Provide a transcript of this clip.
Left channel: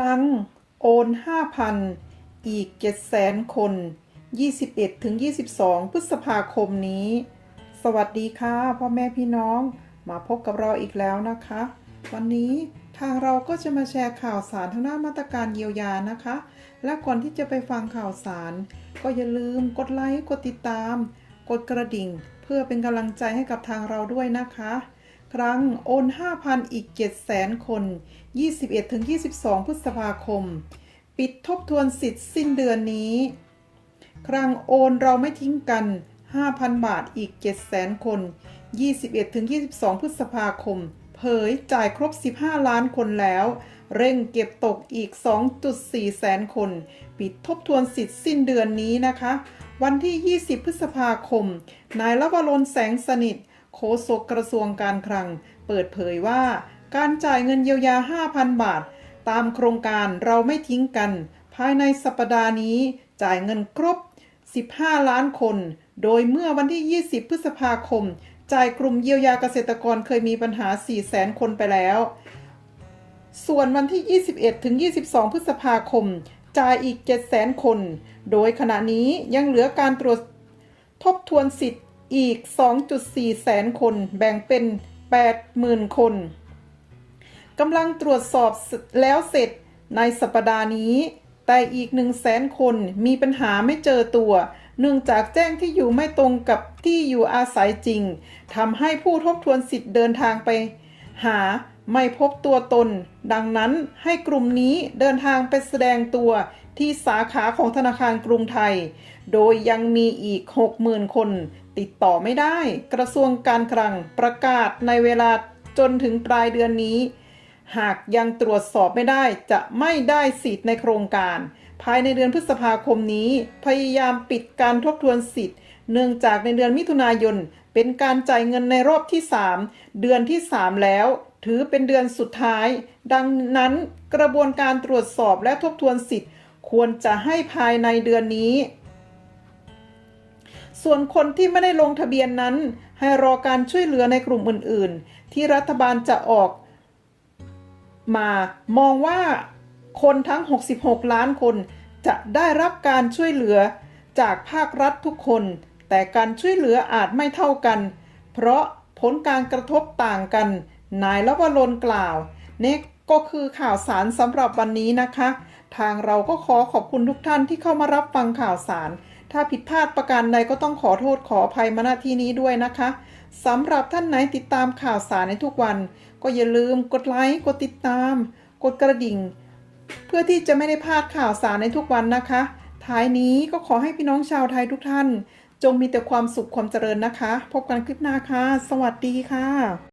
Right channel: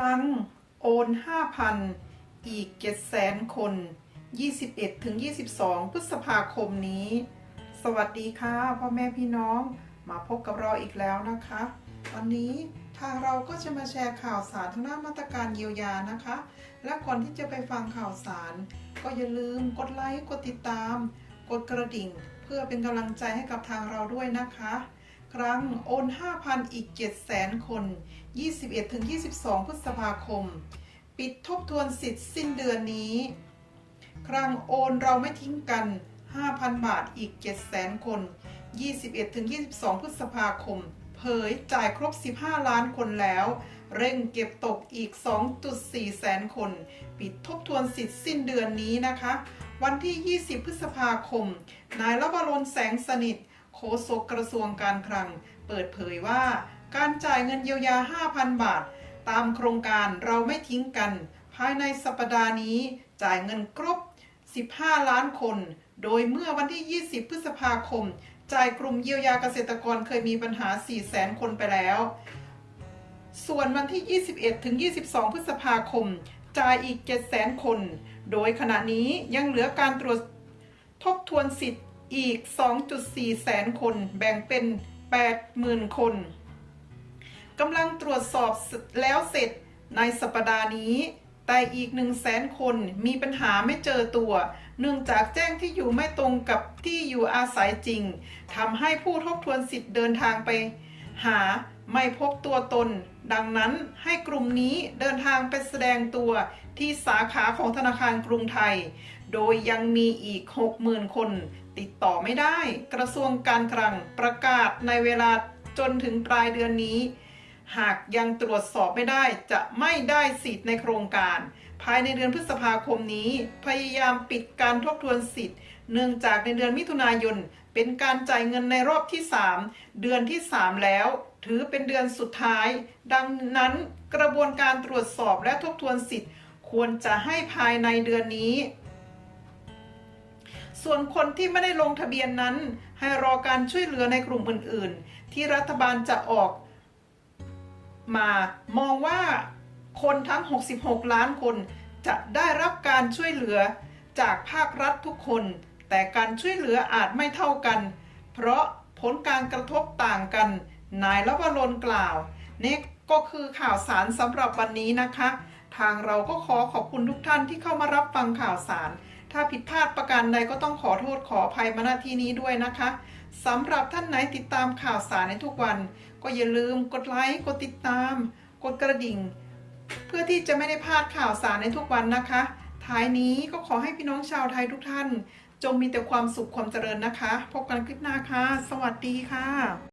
รั้ง โอน 5,000 อีก 700,000 คน 21ถึง22 พฤษภาคมนี้ สวัสดีค่ะพ่อแม่พี่น้องมาพบกับเราอีกแล้วนะคะ วันนี้ทางเราก็จะมาแชร์ข่าวสารทางด้านมาตรการเยียวยานะคะ และก่อนที่จะไปฟังข่าวสาร ก็อย่าลืมกดไลค์กดติดตาม กดกระดิ่ง เพื่อเป็นกำลังใจให้กับทางเราด้วยนะคะ ครั้งโอน 5,000 อีก 700,000 คน 21-22 พฤษภาคม ปิดทบทวนสิทธิ์สิ้นเดือนนี้ ครั้งโอนเราไม่ทิ้งกัน 5,000 บาทอีก 700,000 คน 21-22 พฤษภาคม เผยจ่ายครบ 15 ล้านคนแล้ว เร่งเก็บตกอีก 2.4 แสนคน ปิดทบทวนสิทธิ์สิ้นเดือนนี้นะคะ วันที่ 20 พฤษภาคม นายลวรนแสงสนิท โฆษกกระทรวงการคลัง เปิดเผยว่า การจ่ายเงินเยียวยา 5,000 บาท ตามโครงการเราไม่ทิ้งกัน ภายในสัปดาห์นี้ จ่ายเงินครบ 15 ล้านคน โดยเมื่อวันที่ 20 พฤษภาคม จ่ายกลุ่มเยียวยาเกษตรกรเคยมีปัญหา4แสนคนไปแล้ว ส่วนวันที่ 21 ถึง 22 พฤษภาคม จ่ายอีก7แสนคน โดยขณะนี้ยังเหลือการตรวจทบทวนสิทธิ์ อีก 2.4 แสนคนแบ่งเป็น 80,000 คนกำลังตรวจสอบแล้วเสร็จในสัปดาห์นี้ แต่อีก 1 0 0 0 0แสนคนมีปัญหาไม่เจอตัว เนื่องจากแจ้งที่อยู่ไม่ตรงกับที่อยู่อาศัยจริงทำให้ผู้ทบทวนสิทธิ์เดินทางไป หาไม่พบตัวตน ดังนั้นให้กลุ่มนี้เดินทางไปแสดงตัวที่สาขาของธนาคารกรุงไทย โดยยังมีอีก 60,000 คน ติดต่อไม่ได้ กระทรวงการคลังประกาศในเวลาจนถึงปลายเดือนนี้ หากยังตรวจสอบไม่ได้จะไม่ได้สิทธิ์ในโครงการ ภายในเดือนพฤษภาคมนี้ พยายามปิดการทบทวนสิทธิ์ เนื่องจากในเดือนมิถุนายน เป็นการจ่ายเงินในรอบที่ 3 เดือนที่ 3 แล้ว ถือเป็นเดือนสุดท้าย ดังนั้นกระบวนการตรวจสอบและทบทวนสิทธิ์ ควรจะให้ภายในเดือนนี้ ส่วนคนที่ไม่ได้ลงทะเบียนนั้น ให้รอการช่วยเหลือในกลุ่มอื่น ๆ ที่รัฐบาลจะออก มามองว่าคนทั้ง 66 ล้านคนจะได้รับการช่วยเหลือจากภาครัฐทุกคน แต่การช่วยเหลืออาจไม่เท่ากัน เพราะผลการกระทบต่างกัน นายลวรนกล่าว นี่ก็คือข่าวสารสำหรับวันนี้นะคะ ทางเราก็ขอขอบคุณทุกท่านที่เข้ามารับฟังข่าวสาร ถ้าผิดพลาดประการใดก็ต้องขอโทษขออภัยมาณที่นี้ด้วยนะคะสำหรับท่านไหนติดตามข่าวสารในทุกวัน ก็อย่าลืมกดไลค์กดติดตาม กดกระดิ่ง เพื่อที่จะไม่ได้พลาดข่าวสารในทุกวันนะคะ ท้ายนี้ก็ขอให้พี่น้องชาวไทยทุกท่าน จงมีแต่ความสุขความเจริญนะคะ พบกันคลิปหน้าค่ะ สวัสดีค่ะ